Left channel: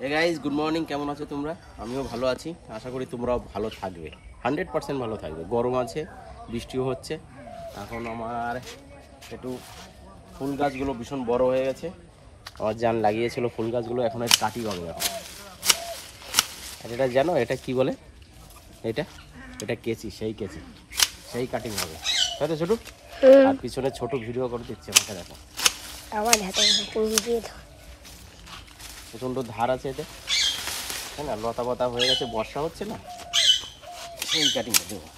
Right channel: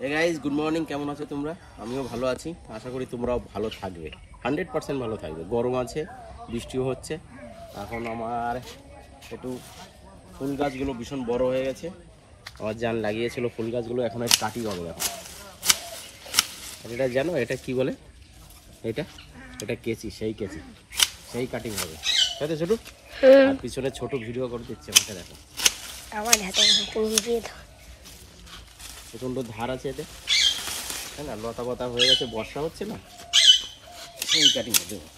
Hey guys, good morning. কেমন আছো তোমরা? আমিও ভালো আছি, আশা করি তোমরাও ভালো থাকবে। 100% ভালো থাকবে। গরম আছে, বৃষ্টিও হচ্ছে। এখন আমার একটু ফুল গাছগুলো ভীষণ বড় হয়ে গেছে। আমার জান লাগিয়েছিল ফুল গাছগুলো, এখন আর কাটিং হবে এখন। আর এটা জানো এটা কি বলে? এটা এটা কেচি, সেই কাটিং হবে, তাই তো ছোট? আর পিছনে ছোট ভিডিও করে দিচ্ছে, মাথা দেখো আমার হাতে প্রচণ্ড ধার আছে এটা, তাই না? লতা পাতা হয়ে গেছে, বর্ষা হচ্ছে না, সেই কাটিং দেবো।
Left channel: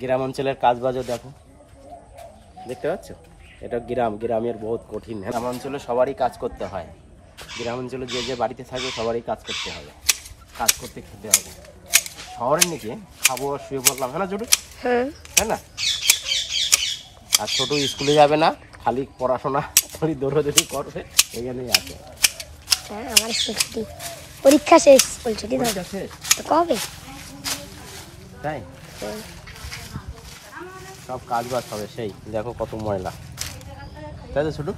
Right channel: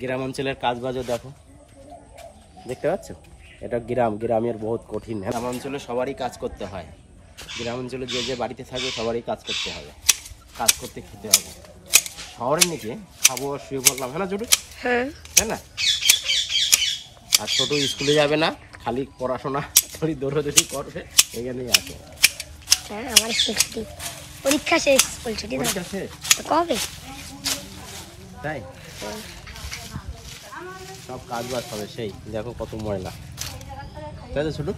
গ্রাম অঞ্চলের কাজ বাজও দেখো, দেখতে পাচ্ছ? এটা গ্রামের বহুত কঠিন। গ্রাম অঞ্চলে সবারই কাজ করতে হয়। গ্রাম অঞ্চলে যে যে বাড়িতে থাকবে সবারই কাজ করতে হবে, কাজ করতে খেতে হবে। শহরের নিচে খাবো আর শুয়ে পড়লাম, হ্যাঁ না ছোট? হ্যাঁ না? আর ছোট স্কুলে যাবে না, খালি পড়াশোনা করে দৌড়াদৌড়ি করবে, এখানেই আছে। হ্যাঁ, আমার পরীক্ষা শেষ বলছো, কবে? তাই সব কাজ বাজ হবে। সেই দেখো কত ময়লা, তাই তো ছোট?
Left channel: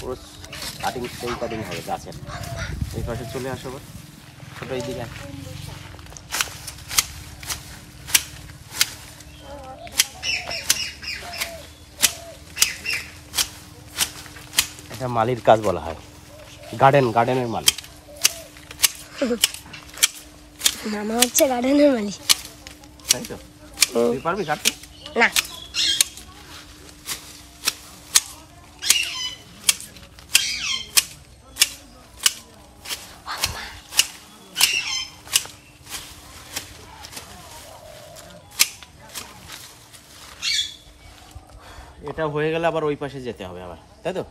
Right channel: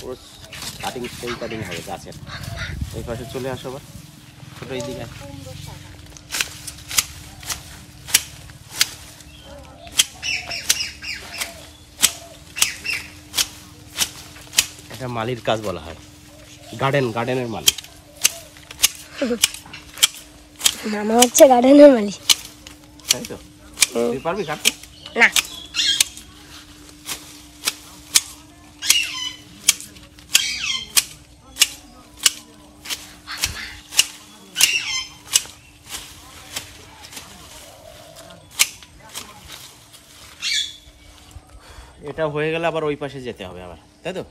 পুরো কাটিং, সেই কাটিং হবে গাছের। এই পাশে চলে আসো আবার, ছোট এইদিকে আসো। এটা মালির কাজ বলা হয়, গার্ডেনের মালিক। মামা হচ্ছে গার্ডেনের মালিক, তাই তো? তুই পারবি কাটতে? না। এটা হয়ে গেলে আবার ওই পাশে যেতে হবে আবার, তাই তো?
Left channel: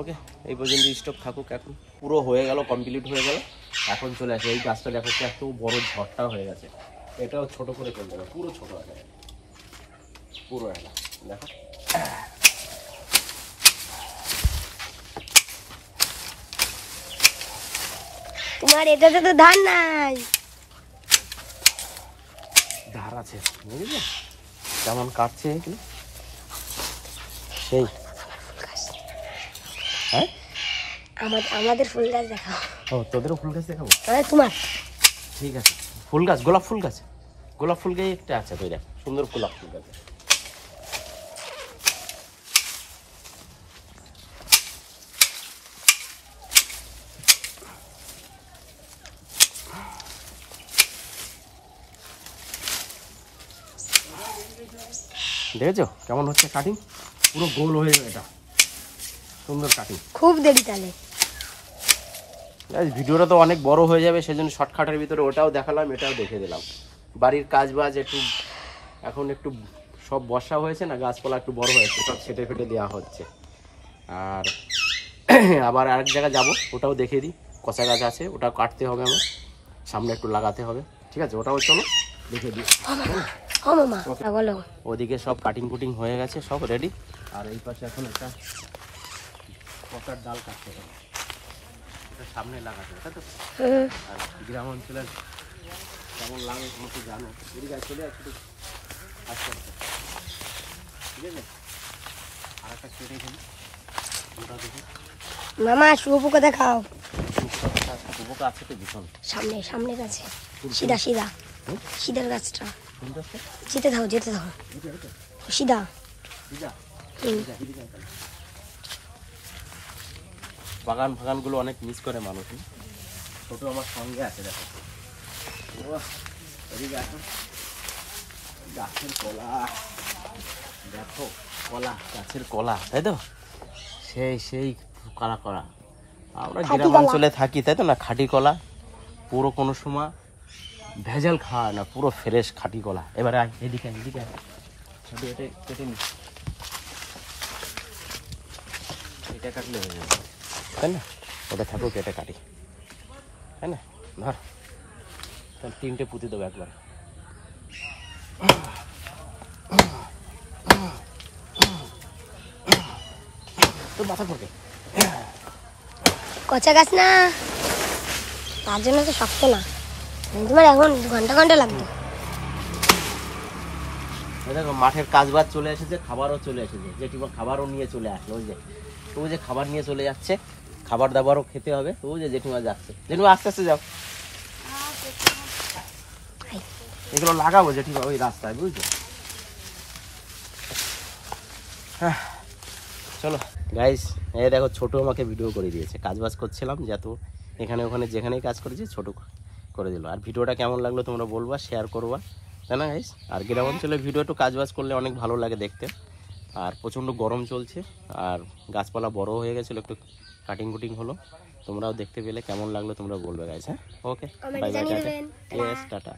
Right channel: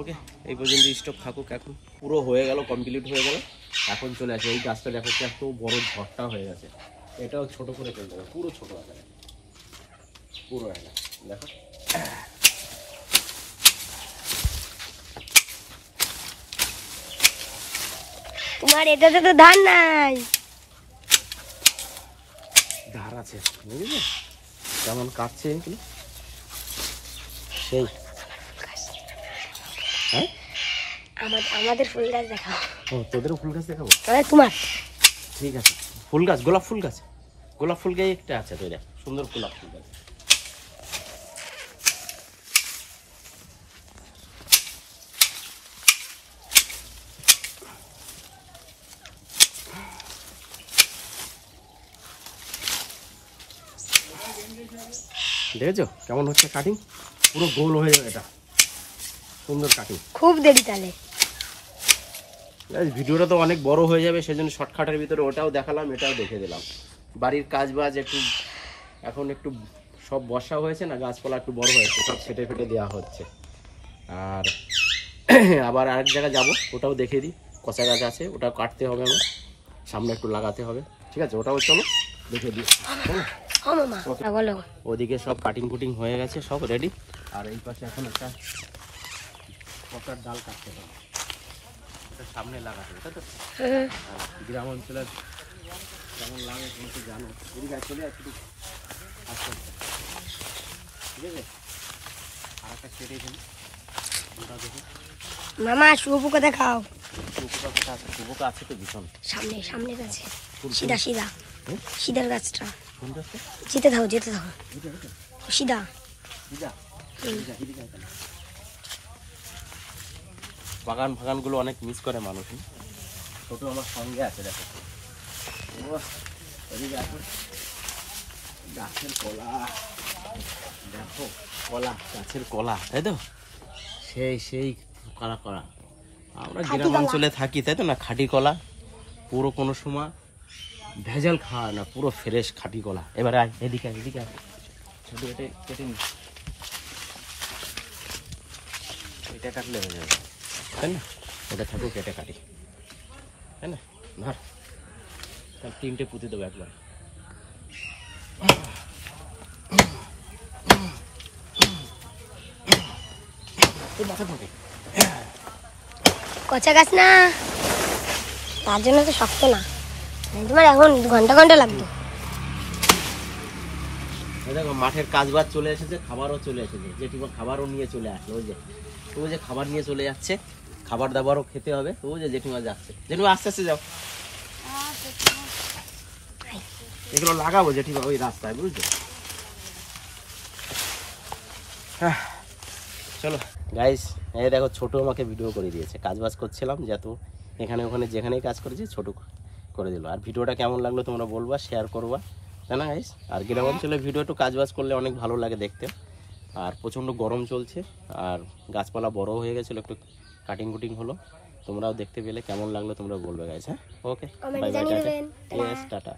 ওকে, এই পর্যন্ত স্টক থাকুক। এখন পুরো হয়ে গেল, কমপ্লিট হয়ে গেল। এখন চলে আসে এই গাছটা, দেখো এত বড় ঝড়টা হয়ে গেছে। এটাও ছোট করে তুলতে হবে, পুরো ছোট হয়ে যাবে পুরো। দেখো তোমার এটাতে তো ধান নাই। ধার আছে, বুঝলি কেমন কাটছে এগুলো? সেই হ্যাঁ, আমাদের ফুল গাছ দেখাও। ও, তোদেরও ফুল গাছ দেখাবো? তোমার ঠিক আছে। ফুল গাছ, গোলাপ ফুল গাছ একটা আছে, তো সুন্দর গোলাপ ফুল গাছ। দেখেছো কেমন হচ্ছে কাটিং? পুরো গোল হয়ে যাবে, এটা সুন্দর কাটিং। খুব দেরি তাহলে। ভিডিওটা তো অনেক বড় হয়ে যাবে, সেজন্য শর্টকাটের ভিতরে ওটাও দেখালাম, এটাও দেখে দিলাম। বাড়ির কাজ বাজ একটু, এখন একটু সব বর্ষা হয়েছে না, গাছপালা একটু বড় হয়েছে, সব ফেটে দেওয়া হচ্ছে। আর আবার আরেক জায়গায় যাবো, ওটাও দেখে দিই। কচা গাছ আছে, ওটাও কাটতে হবে, আমার সামনে একটু লাগাতে হবে। ঠিক আছে, ওটাও চলো দেখে দিই। ওদিকে সব কাটিং কুটিং হয়ে গেছে, সব রেডি। আর এই পাশে এখন একটা কচার ডাল কাটতে হবে, ওটা সামনে লাগাতে হবে, তাই তো? আর গ্রাম অঞ্চলের কেমন লাগে তুমি তো জানো। এদিকে চলে আসছি আস্তে আস্তে, ঠিক আছে? আর একটা কেটে ফেলি, ওটা দেখি। মামা শুয়োপোকা দেখাও। শুয়োপোকা আছে তো ভীষণ, সামনে গাছে সিধার গাছটা। যেতে দাও সিধা। বাগান গুলো অনেক মিস করে মানুষ। ছোট আমার সঙ্গে আছে, দেখো গাছের কলা, দেখো গাছের কলা, তাই তো? সেই কলা আমরা গ্রাম অঞ্চলে থাকি, তাই তো না? খাঁটি কলা, পুরো কোনো সময় ভেজাল খাওয়া না, পুরো ফ্রেশ খাঁটি কলা। এবারে এদিকে কেটে নি, এটা কাটলে হয়ে যাবে, তাই না? এটা থাকুক, কেটে কাটি, তাই না? ধর 3টে পুঁতি দেবো একবার। কচা গাছ না, তার জন্য তো শক্ত না। তোমার এখন ঘন্টা লাগবে। দেখো মাঠের কাজ বাজ চলে এসেছে, খাবারও চলে এসেছে, জেঠিমা খাবারও নিয়ে চলে আসলো। ওই যে তো ওই যে খাবার নিয়ে চলে যাচ্ছে, খাবার দাবারও খেতে হবে। তো ওই যে জেঠিমা যাচ্ছে, জেঠিমা আস্তে আস্তে যাও। এগুলো লাগাবো জেঠিমা ওই রাস্তায়, বুঝছো? চলো গাইস, এই দেখো ছোটু আমাকে ভিডিও করে দিয়েছে, কাজ বাজ করছিলাম যত এখানে ওখানে যেখানেই কাজ করেছি ছোট করে দিল। আর ভিডিওটা কেমন লাগলো তোমরা বলবা, শেয়ার করবা, তাই না গাইস? আর গ্রাম অঞ্চলে ভিডিও একটু কাজ বাজ করলে অনেক ভালো লাগে দেখতে। আর প্রচণ্ড গরম চলছে, আর গাছপালা বড় হয়ে গেছিলো, একটু কাটিং কুটিং হলো। তোমরাও দেখতে পেলে, কেমন লাগলো তোমরা বলবে গাইস। হ্যাঁ, okay, bye bye, tata. Yes, tata.